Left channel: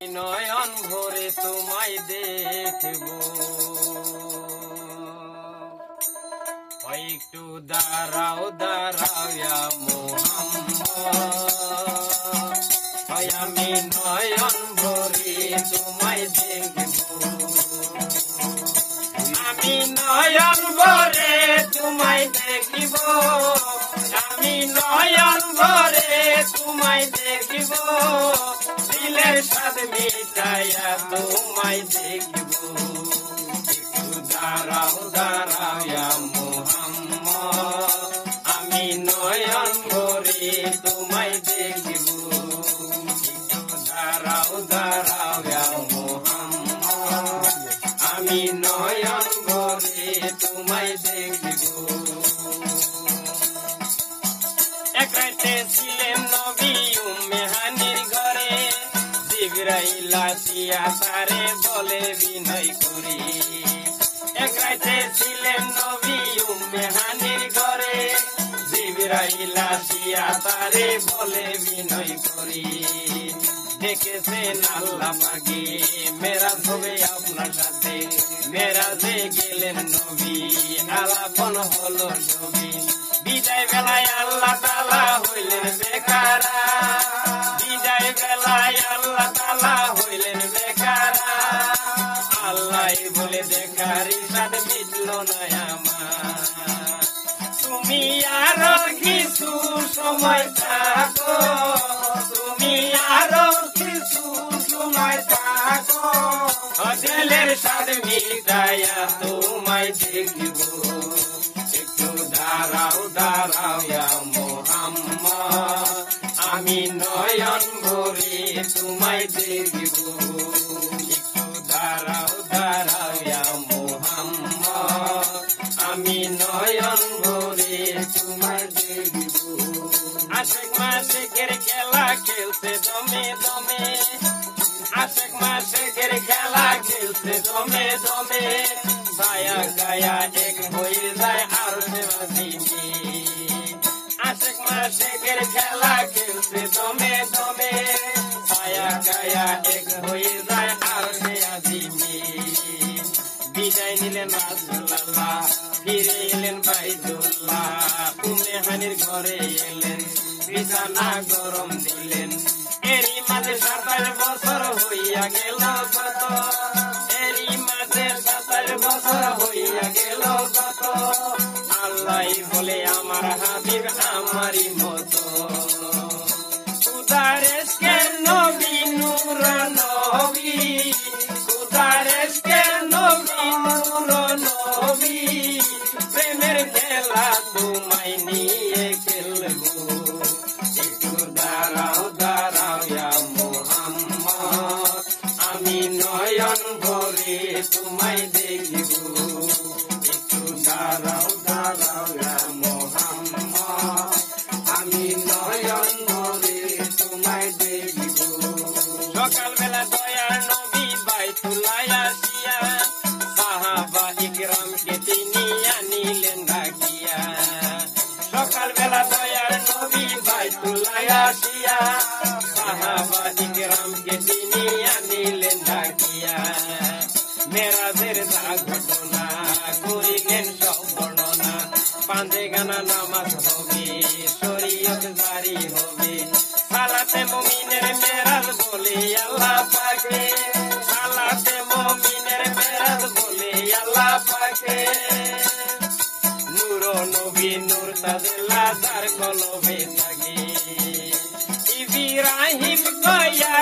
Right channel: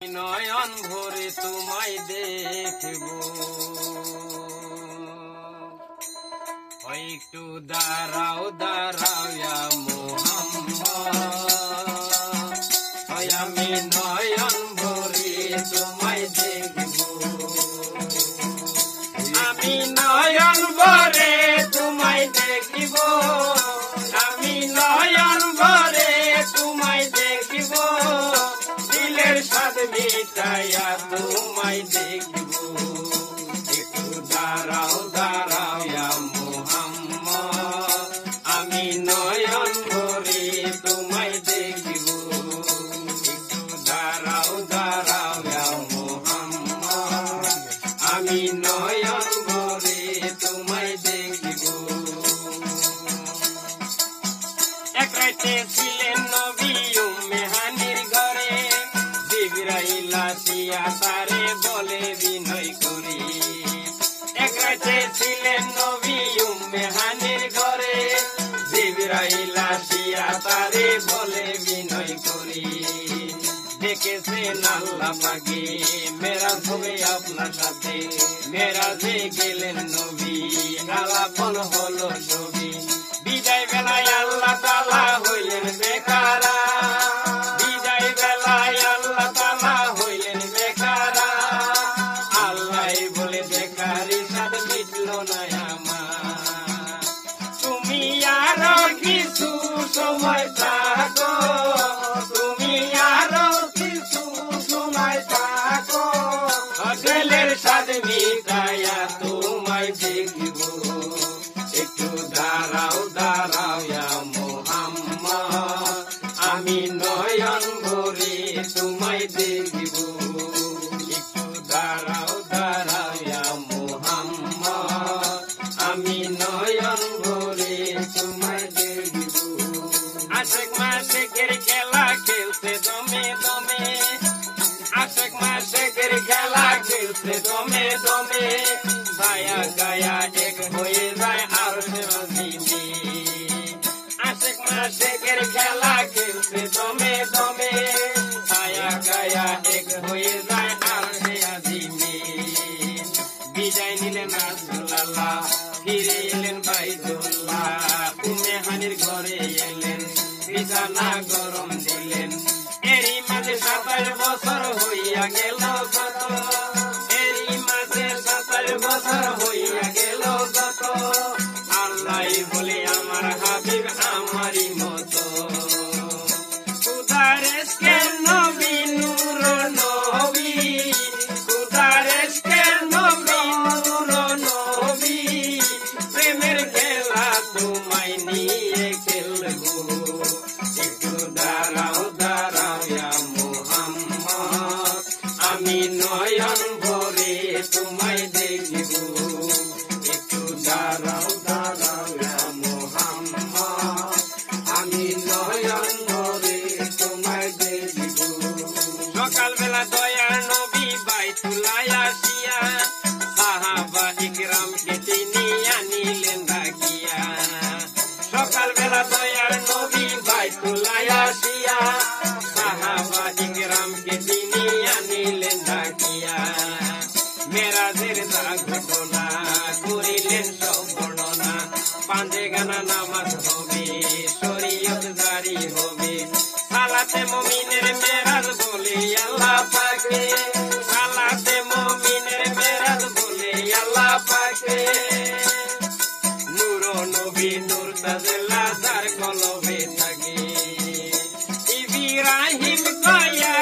নয়ন ভরে তোমায় দেখব, একটু দাঁড়াও দাঁড়াও মোহাম্মদ, আমি নয়ন ভরে তোমায় দেখব, আমি নয়ন ভরে তোমায় দেখিব, আমি নয়ন ভরে তোমায় দেখিব, দিলের স্বাদ মিটাইয়া তোমায় দেখিব, একটু দাঁড়াও দাঁড়াও মোহাম্মদ, আমি নয়ন ভরে তোমায় দেখিব, একটু দাঁড়াও দাঁড়াও মোহাম্মদ, আমি নয়ন ভরে তোমায় দেখিব। এক রাতে ছিলেন নবী উম্মে হানির ঘরে, জিবরাইল আসিয়া তারে বলে বিনয় করি। এক রাতে ছিলেন নবী উম্মে হানির ঘরে, জিবরাইল আসিয়া তারে বলে বিনয় করি। দেখেছেন আল্লাহ পাকে মেরাজ হবে আপনার সাথে, মেরাজে গেলেন নবী আলাপন হলো নবী। বিদায় বেলায় আল্লাহ তাআলা হইলেন বেকারা, বিদায় বেলায় আল্লাহ তাআলা হইলেন বেকারা। আল্লাহ বলে বেকারি স্বাদ মিটল না আমার, তুমি আরো কিছু সময় থাকো, তুমি আরো কিছু সময় থাকো, দিলের স্বাদ মিটাইয়া তোমায় দেখিব, একটু দাঁড়াও দাঁড়াও মোহাম্মদ, আমি নয়ন ভরে তোমায় দেখিব, একটু দাঁড়াও দাঁড়াও মোহাম্মদ, আমি নয়ন ভরে তোমায় দেখিব। আশেক মাশেকের খেলা খেলতে দমে দমে, আশেক মাশেকের খেলা খেলতে দমে দমে, গায়া গায়া এক হয়ে যায় আর সে দিবি। আশেক মাশেকের খেলা খেলতে দমে দমে, গায়া গায়া এক হয়ে যায় আর সে দিবি। বিদায় নিলেন রাসূলুল্লাহ, ফিরে এলেন বাইতুল্লাহ, উম্মে হানির ঘরে এলেন, বিছানা গরম দিলেন। এরই মাঝে 27 বছর হইয়া গেল কত, এরই মাঝে 27 বছর হইয়া গেল কত। আল্লাহ বলে আমার হাবিব আমারই মতো, খুদার ইশকের নবী নূর নবী, খুদার ইশকের নবী নূর নবী, প্রেমের খেলা তোমায় নিয়ে খেলবো, একটু দাঁড়াও দাঁড়াও মোহাম্মদ, আমি নয়ন ভরে তোমায় দেখিব, একটু দাঁড়াও দাঁড়াও মোহাম্মদ, আমি নয়ন ভরে তোমায় দেখিব। সকালবেলা দয়ার নবী বাইতুল্লাহ আসিয়া, সাহাবা ইকরামকে তিনি আনিলেন ডাকিয়া। সকালবেলা দয়ার নবী বাইতুল্লাহ আসিয়া, সাহাবা ইকরামকে তিনি আনিলেন ডাকিয়া। মেরাজের ঘটনা করিলেন সব বর্ণনা, পাঁচে গানা নামাজ হবে, শরীয়ত জারি হবে, সালাতে মুমিনের মেরাজ বলে আল্লাহ পাকে, সালাতে মুমিনের মেরাজ বলে আল্লাহ পাকে। নূর নবী নূর তাজেল্লা যার কলবে থাকে, ইব্রাহিম কয়া